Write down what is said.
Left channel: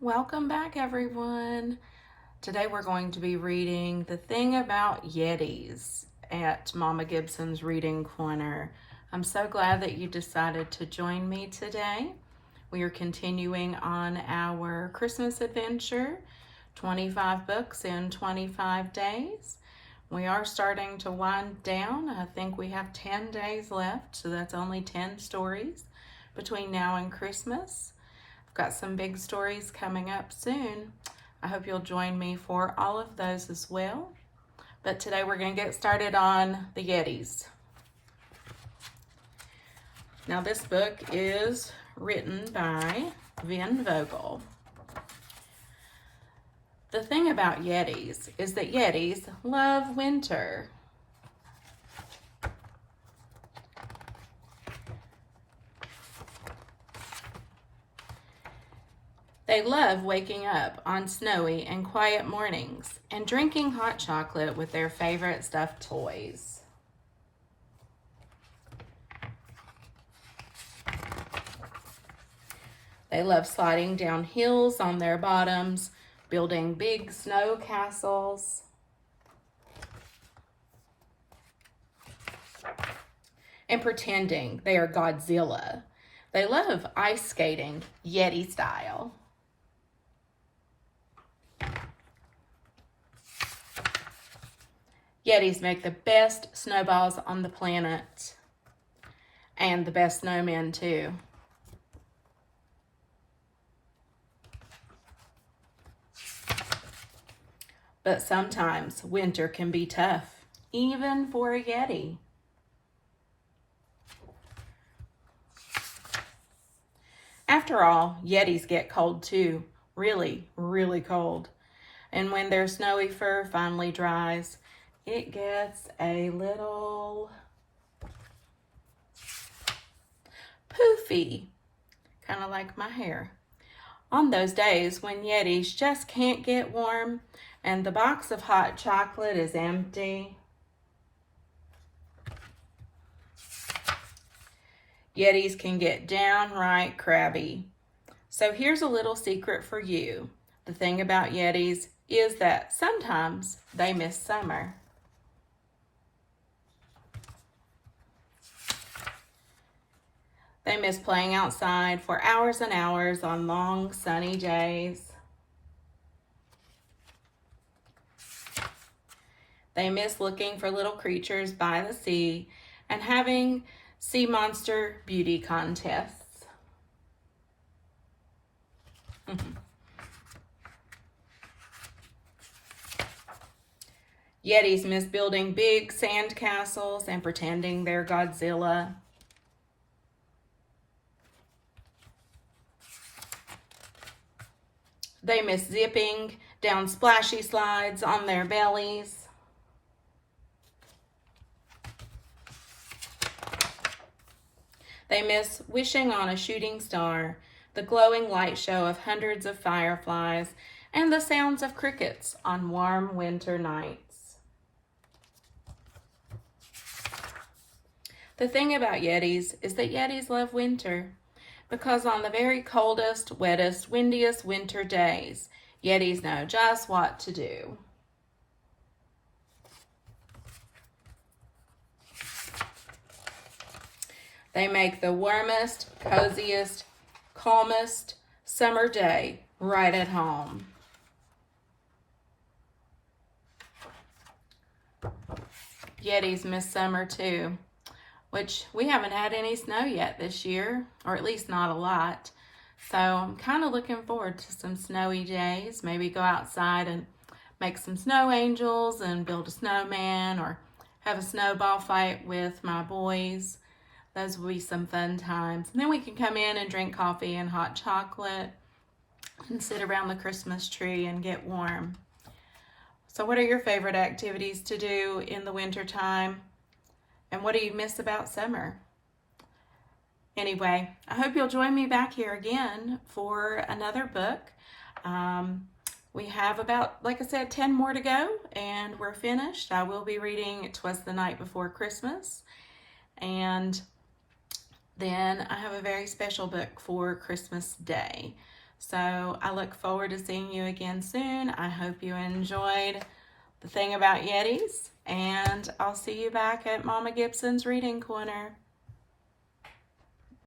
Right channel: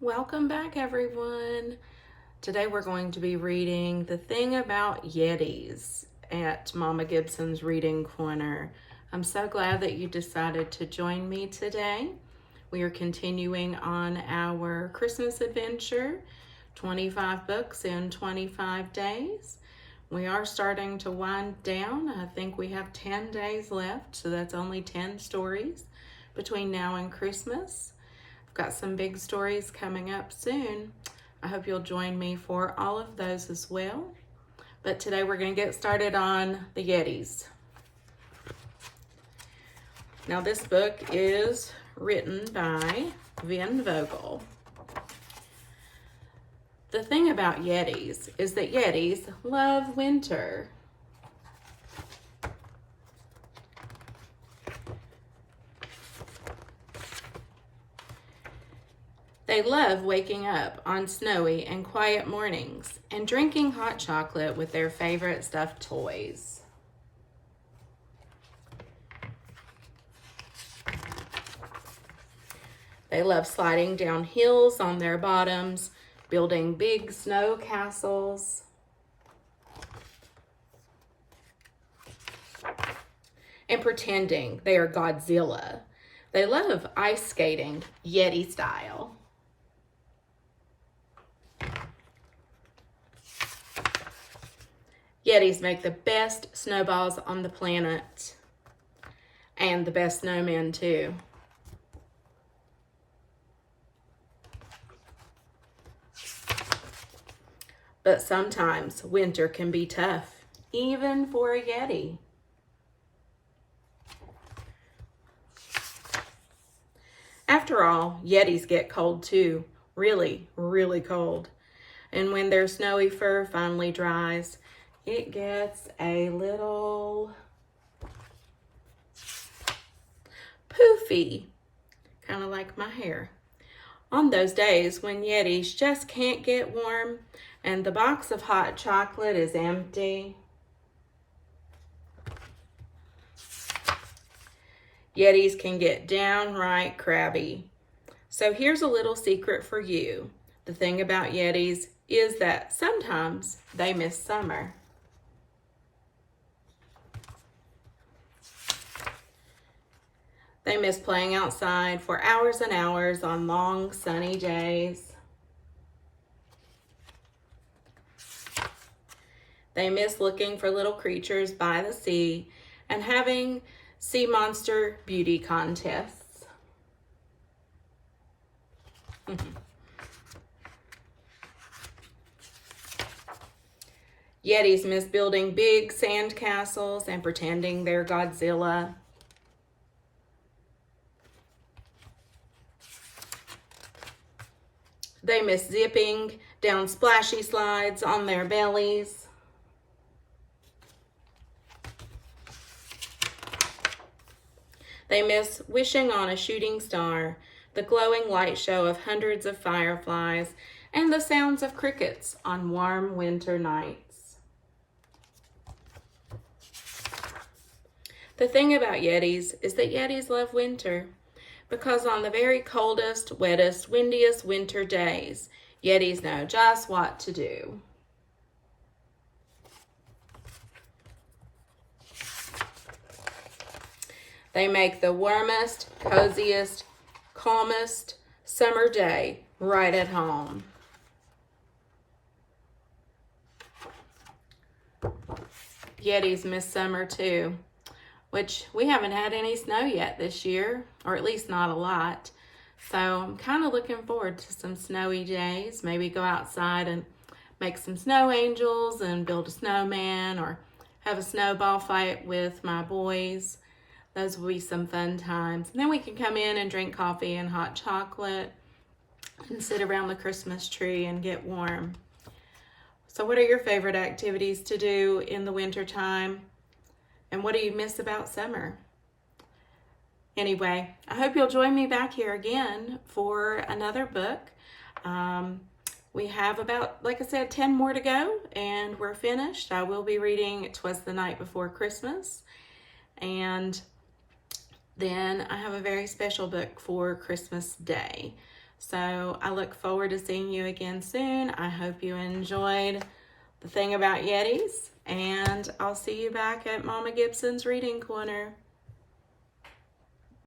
Welcome back, everyone. Today we're going to be reading The Thing About Yetis at Mama Gibson's Reading Corner. I'm so glad that you decided to join me today. We are continuing on our Christmas adventure, 25 books in 25 days. We are starting to wind down. I think we have 10 days left, so that's only 10 stories between now and Christmas. Got some big stories coming up soon. I hope you'll join me for all of those as well. But today we're going to get started on the Yetis. Now this book is written by Vogel. The thing about Yetis is that Yetis love winter. They love waking up on snowy and quiet mornings and drinking hot chocolate with their favorite stuffed toys. They love sliding down hills on their bottoms, building big snow castles, and pretending they are Godzilla. They love ice skating, Yeti style. Yetis make the best snowballs on the planet, and the best snowmen too. But sometimes winter can be tough, even for a Yeti. After all, Yetis get cold too, really, really cold. And when their snowy fur finally dries, it gets a little poofy, kind of like my hair. On those days when Yetis just can't get warm and the box of hot chocolate is empty, Yetis can get downright crabby. So here's a little secret for you. The thing about Yetis is that sometimes they miss summer. They miss playing outside for hours and hours on long sunny days. They miss looking for little creatures by the sea and having sea monster beauty contests. Yetis miss building big sand castles and pretending they're Godzilla. They miss zipping down splashy slides on their bellies. They miss wishing on a shooting star, the glowing light show of hundreds of fireflies, and the sounds of crickets on warm winter nights. The thing about Yetis is that Yetis love winter, because on the very coldest, wettest, windiest winter days, Yetis know just what to do. They make the warmest, coziest, calmest summer day right at home. Yetis miss summer too, which we haven't had any snow yet this year, or at least not a lot. So I'm kind of looking forward to some snowy days. Maybe go outside and make some snow angels and build a snowman, or have a snowball fight with my boys. Those will be some fun times. And then we can come in and drink coffee and hot chocolate and sit around the Christmas tree and get warm. So what are your favorite activities to do in the winter time? And what do you miss about summer? Anyway, I hope you'll join me back here again for another book. We have about, like I said, 10 more to go and we're finished. I will be reading 'Twas the Night Before Christmas. And then I have a very special book for Christmas Day. So I look forward to seeing you again soon. I hope you enjoyed the thing about Yetis, and I'll see you back at Mama Gibson's Reading Corner.